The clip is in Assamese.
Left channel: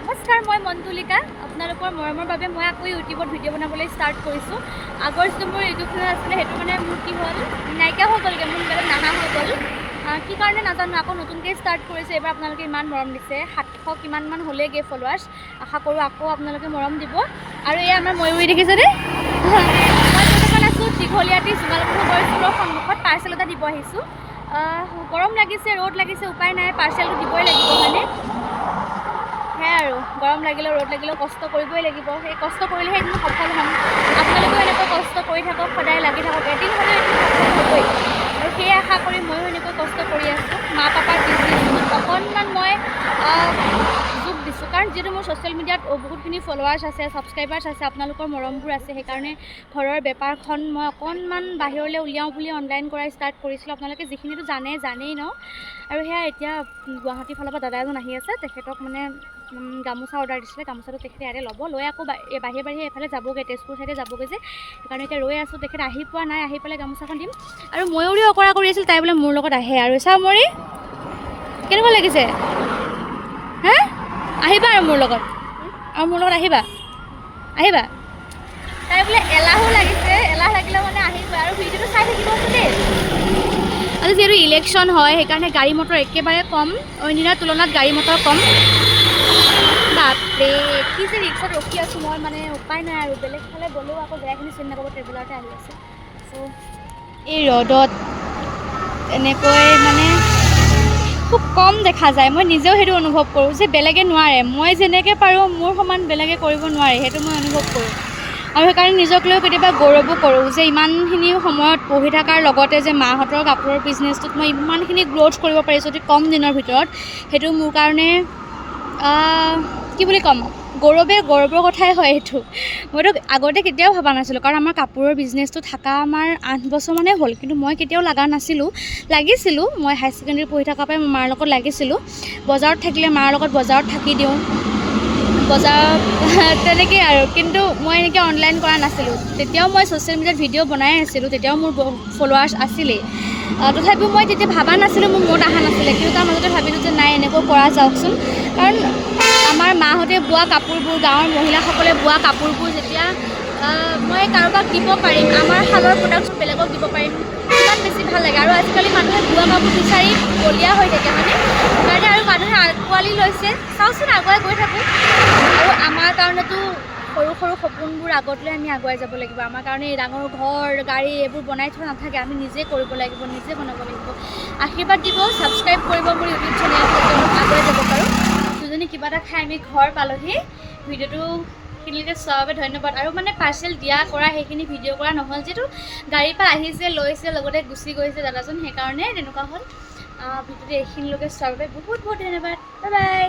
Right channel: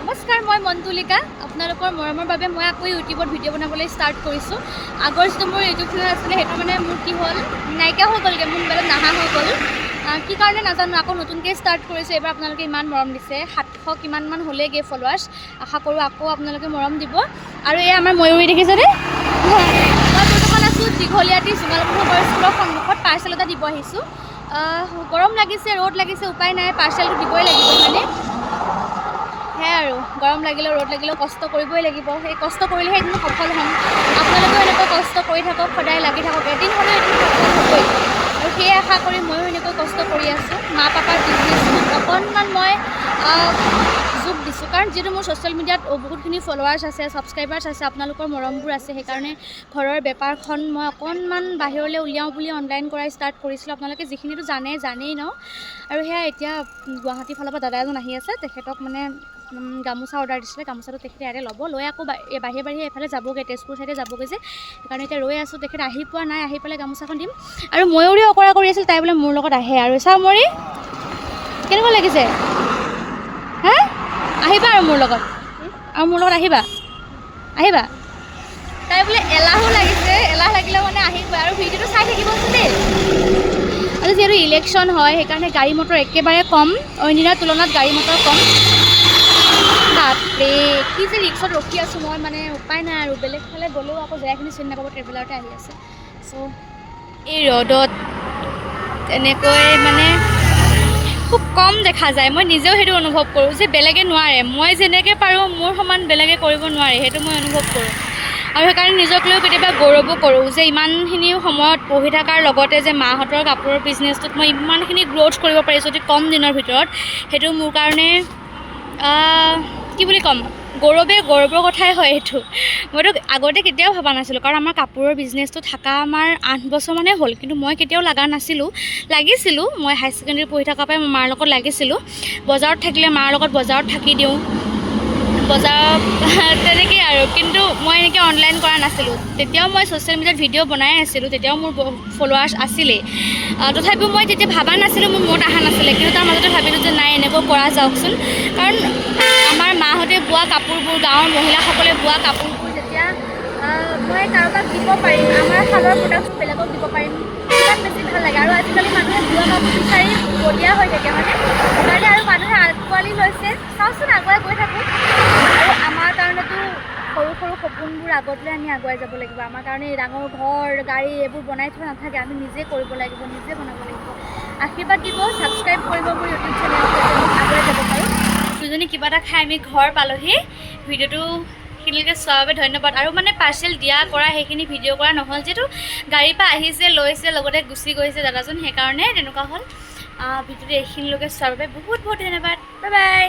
নমস্কাৰ, মই মন্তুলিকা। আপোনালোকৰ মৰমৰ বাবে মই আকৌ ইউটিউবত ভিডিঅ' বনাবলৈ ষ্টাৰ্ট কৰিছোঁ। আগৰ যিটো মোৰ ইউটিউব চেনেল আছিলে সেইটো মানে মোৰ কি হ'ল, নাইকিয়া হৈ গ'লগৈ, মোৰ মোবাইলত নাহা হৈ গ'ল। কি কাৰণে নাজানো, আকৌ নতুনকৈ ষ্টাৰ্ট কৰিছোঁ। এইবাৰ আপোনালোকে ইমান মৰম দিছে, 700 কিমানমান হ'লেগৈ ফলোৱাৰ্ছ। আশা কৰোঁ আকৌ আপোনালোকে মৰম দিব। আৰু এই আমাৰ ময়ূৰী দেখিছেনে? মই বৰ্তমান আছোঁ দীঘলীয়াতি জোঙালপুৰ স্কুলৰ সন্মুখত, পাৰ্চেল এটা দিব আহিছোঁ। গৰম লাগিছে, ৰ'দ লাগিছে, উপায় নাই, পাৰ্চেলটো দিবই লাগিব হয়নে? সেয়াই আৰু, গৰম লাগিলেও ৰ'দ লাগিলেও কষ্ট কৰিবই লাগিব। সেই কষ্ট কৰিলেহে এদিন সফল হ'ম। আপোনালোকেও এনেকৈ কষ্ট কৰি থাকক, সদায় লাগি থাকক, এদিন হ'লেও এদিন সফল হ'বই। আৰু সেয়ে আশা কৰি ময়ো এনেকৈ কষ্ট কৰি আছোঁ। মা পাপাৰ বিজনেছটোত অকণমান মই যোগ দিছোঁ, কাৰণ যিহেতু মোৰ ছ'চিয়েল মিডিয়াত বহুতখিনি ফলোৱাৰ্ছ আছে, ছাবস্ক্ৰাইবাৰ্ছ আছে, আপোনালোকৰ মৰমবোৰ আছে। সেইকাৰণে ঘৰৰ বেপাৰখন মই অকণমান বাহিৰলৈ উলিয়াওঁ বুলি অনলাইন কৰা ষ্টাৰ্ট কৰিছিলোঁ। আপোনালোকে যিখিনিতো জানেই ন। আৰু সেয়া এতিয়া গুৱাহাটীৰ ফালৰ পৰা দাদা এজন আহি আছে, তেখেতক মানে গামোচা অৰ্ডাৰ দিছিলে। গামোচাটো তেখেতে ইয়াতে ল'ব, লৈ আকৌ বাহিৰে এইফালে যাবগৈ, তেজপুৰ চাইডে যাবগৈ যে, সেইকাৰণে এতিয়া ৰৈ আছোঁ। তেখেত আহি পোৱা নাই, আহি পেলাই গামোচাখন দিম। আৰু ময়ূৰী অকৰা কৰি আছিল, তাই বোলে মোৰ লগত আহে। আৰু চাওঁ ময়ূৰী কেনেকুৱা লাগিছে? হা, আহিবা আৰু মোৰ লগত আহিবা। তাই বোলে এলাহো লাগিছে, এলাহ লাগিলে মানে আহিবই। আৰু ভিডিঅ'টো চাই থাকিবচোন দেই। আৰু যিহেতু ইলেকশ্যন হয়, সেইকাৰণে গাড়ী মটৰ একেবাৰে কম, অইন দিনাৰ তুলনাত গাড়ী মটৰ কম। বাপৰে, কি যে ৰিক্সত ৰখি আছোঁ মই, মানে উপায় নাই আৰু। বেলেগ ফালে গ'লেও আকৌ জেগাখিনি চিনি নাপাব, ট্ৰেভেলাৰতে আহি আছে। চ' এই ৰ'দত এনেকৈ মানে খুব কম দেখা যায়। মই নিজেও সেইটো অনুভৱ কৰোঁ যে বেলেগে নোৱাৰে, মই যেনেকৈ পাৰোঁ মোৰ সমান বেলেগে কৰিব নোৱাৰে, সেইটো মই অনুভৱ কৰোঁ। আৰু সেইকাৰণে নিজক লৈও কেতিয়াবা গৌৰৱো কৰোঁ যে ইমানখিনি সময়ত পঢ়ি থকাৰ লগতে যে মাহঁতৰ কাপোৰৰ বিজনেছটোত মই ইমানখিনি গ্ৰ'থ কৰিব পাৰিছোঁ অতি কম দিনৰ ভিতৰত, সেইটো মোৰ কাৰণে কি বুলি ক'ম, গৌৰৱৰ কথাই হয় এইটো। মইতো আগতে কেতিয়াও ভবা নাছিলোঁ, কাৰণ আমাৰ কাপোৰৰ বিজনেছটো থকা আমাৰ 8 বছৰমানেই হ'ল, কিন্তু মই কেতিয়াও লগা নাছিলোঁ। লাগিছিলোঁ, মই হাই ছেকেণ্ডেৰী পঢ়ি থকাৰ পৰাই মই মাৰ লগত লাগিছিলোঁ। বজাৰত থাকিলে মাৰ লগত বজাৰত থাকি দিওঁ, বজাৰত তেনেকেই আৰু। কিন্তু মই এনেকৈ অনলাইন কৰা নাছিলোঁ। তেতিয়াও মই ছ'চিয়েল মিডিয়াত ভিডিঅ' বনাই আছিলোঁ, তেতিয়াও মোৰ ফলোৱাৰ্ছ আছিলেই। তথাপিও মই তেতিয়া ভবা নাছিলোঁ, মোৰ মত অহা নাছিলে। কিন্তু তাৰ মাজতে ভাবিলোঁ যে নাই, এনেকৈ কৰা যাওকচোন। কাৰণ আমাৰ মাহঁতে বোৱা কাপোৰবোৰ, গাঁৱৰ মহিলাসকলে বোৱা কাপোৰবোৰ যেতিয়া মই কাৰোবাক দিব পাৰিম, আমাৰ শালৰ প্ৰডাক্টবোৰ বেলেগক দিব পাৰিম, কিমান বেছি ভাল লাগে। আৰু আজিকালি মানুহে বোৱা কাপোৰ বিচাৰি বলিয়া হৈ থাকে হয়নে? সেইকাৰণে আৰু মানুহে আঁকোৱালি লৈছে। চাওচোন, আগুৱাই গৈ থাকোঁ। আৰু আমাৰ কাৰণেতো সৰু সৰু সপোনবোৰ আগত লৈ আমি আগুৱাই যাব লাগিব। আমাৰ কাৰণে ডাঙৰ ঘৰ, গাড়ী এইবোৰ বনাই থোৱা নাথাকে। আমি নিজে কৰিব লাগিব, নিজে বনাব লাগিব। আশীৰ্বাদ দিব, ছাবস্ক্ৰাইব কৰিব মোৰ ইউটিউব চেনেলটো, যাতে আগুৱাই যাব পাৰোঁ। দুজনী কিবা এটা খাই আমি ঘৰ পালোহি। ভিডিঅ'টো খিনিলৈকে চোৱাৰ বাবে ধন্যবাদ। আৰু মানে পাৰ্চেল দিয়া কৰা সেইখিনি ভিডিঅ' কৰা নহ'ল, যিহেতু গাড়ীৰ পৰা আহিছে, লৈছে, লগতে গুচি গৈছে দাদাজন, সেইকাৰণে তেনেকুৱা হ'ল। ভিডিঅ'টো এইখিনিলৈকে চোৱাৰ বাবে বহুত বহুত ধন্যবাদ। Bye bye.